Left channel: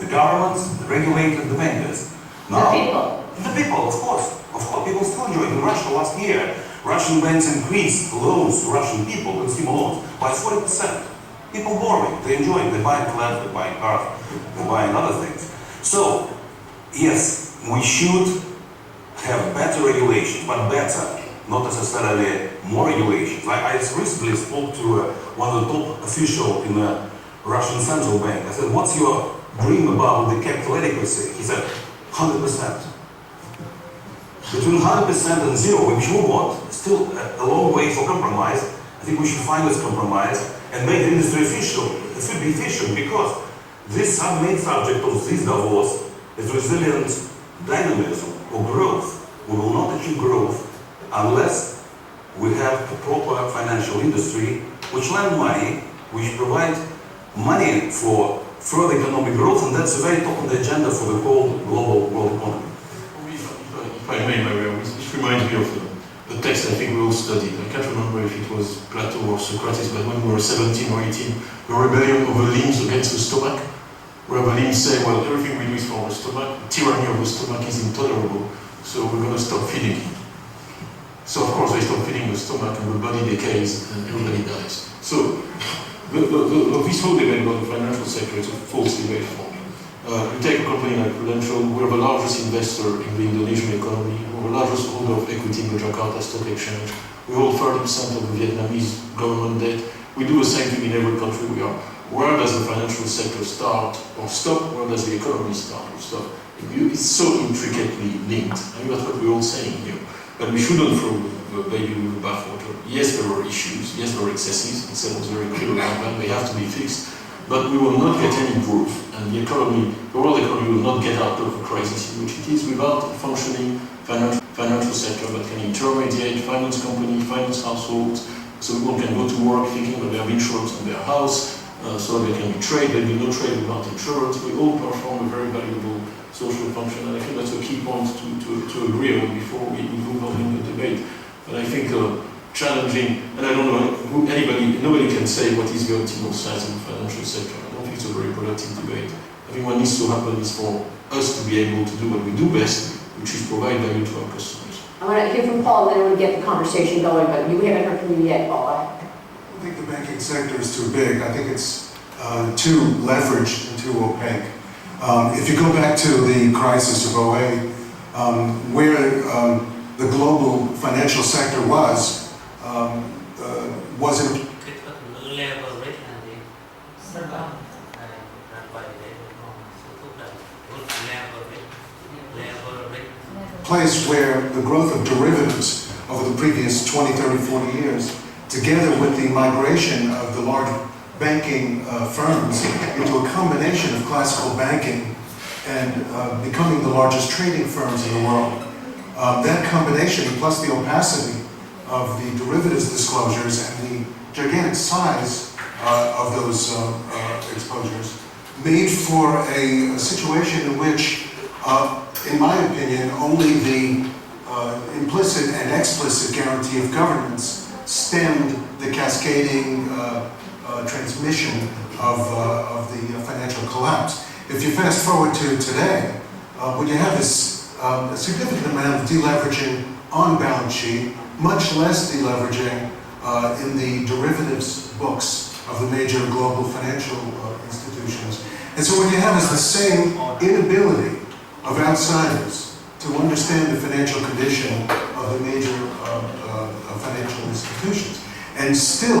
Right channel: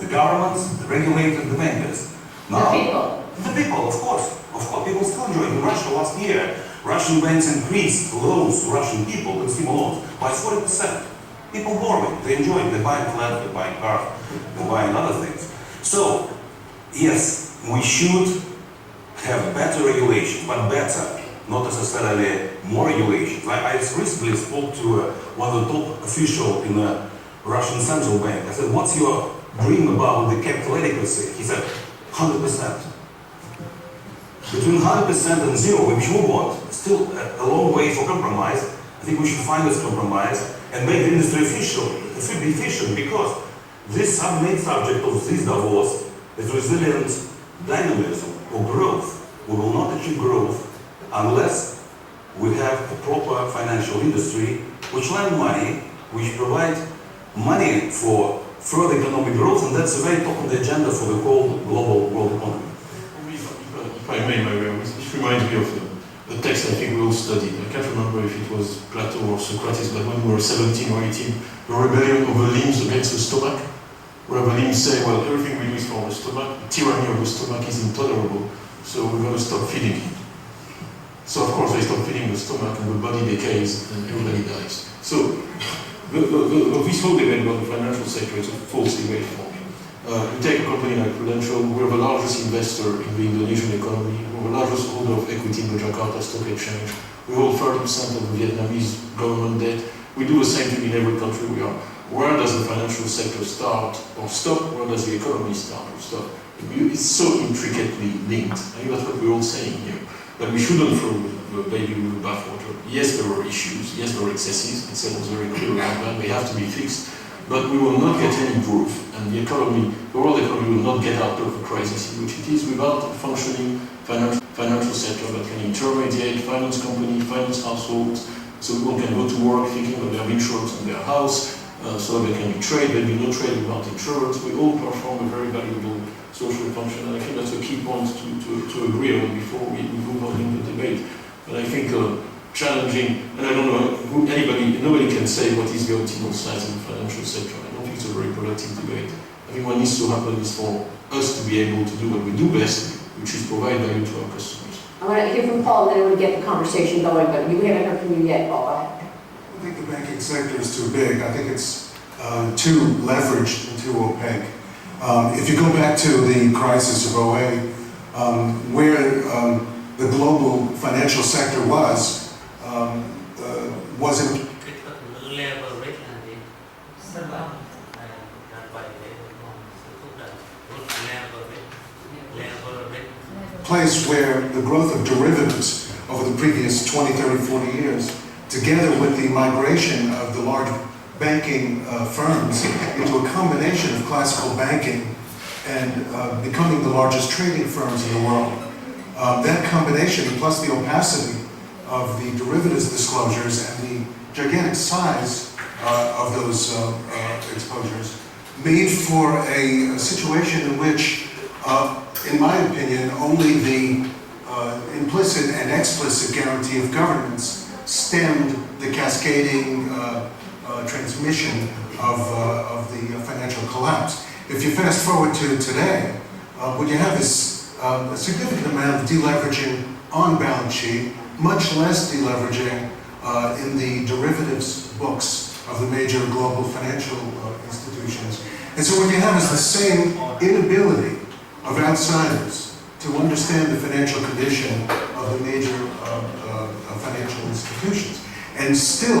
The governments, the regulators, the bankers. Now, the people, of course. Of course, people still enjoy. In Russia last year, Russian banks increased loans to Russian people, consumer loans, by 40%. People borrowing, they enjoy it, they buy flats, they buy cars, they buy other things. So, yes, we should have better regulation, but better, not necessarily more regulations. I recently spoke to one of the top officials in the Russian central bank. I said, what's your dream about the capital adequacy? He said, 100%. Between 100% and zero, which we want, still a long way for compromise. I think we should find this compromise and make the industry efficient, because this main subject of this Davos is resilient dynamism or growth. We will not achieve growth unless we have a proper financial industry which lend money, which provide money for further economic growth, and that's very top on the agenda for the whole global world economy. If I may, Maria, this reminds me of a text I think we all studied. I can't remember if it was Plato or Socrates, but when we were 17 or 18, the rebellion of the limbs against the stomach, where the limbs say, well, everything we do is for the stomach, the tyranny of the stomach is intolerable, so we're going to stop feeding it. So of course they stop feeding the stomach and the body decays and everybody dies. So this whole debate about the financial sector is a false debate for me. You take a company like Prudential, we're the largest investor in the Indonesian economy, we're the largest holder of equity in the Jakarta Stock Exchange, we hold 30% of the Vietnamese government debt, we do the same thing in every country we are. Where does the financial sector start or stop? Where does the economy start or stop? It's so intricately linked. I think that's what we're all saying here. But we shouldn't throw the baby with the bathwater. Yes, there were issues. Yes, there were excesses. It was very clear about that. They have to be fixed. But we will not get any growth. And the world economy will not get out of the crisis in which it is without a functioning financial sector that can intermediate, finance companies, finance households, so people can go to work thinking that they have insurance on their house, so they can trade. There will be no trade without insurance. We all perform a very valuable social function, and I think that's a key point to agree on before we move on in the debate. But I think challenging, and I don't know nobody can say what is the optimal size in the financial sector. I don't think it's a very productive debate. I think what needs to happen is for us to be able to do what we do best, which is provide value to our customers. I want to hear from Paul, and then I want to get the conversation going, but we haven't heard from you yet, Paul. I think the banking sector is too big. I think it's too leveraged and too opaque. If you go back to the crisis of 2008, where the global financial sector was in a place where the growth of derivatives over the previous 20, 30, 40 years, together with the migration of the large banking firms into a combination of classical banking and becoming the largest trading firms in the world. That combination, plus the opacity of the derivatives disclosures and the gigantic size of those exposures, made for a situation in which, in my opinion, only the implicit and explicit guarantee of governance stemmed the cascading transmission of the financial collapse. If you fast forward to today, when you have this a significant amount of deleveraging on balance sheet, much less deleveraging in the derivatives books of the major global financial institutions. And so what you have is the same inability of outsiders to understand the financial condition of the major financial institutions. And still,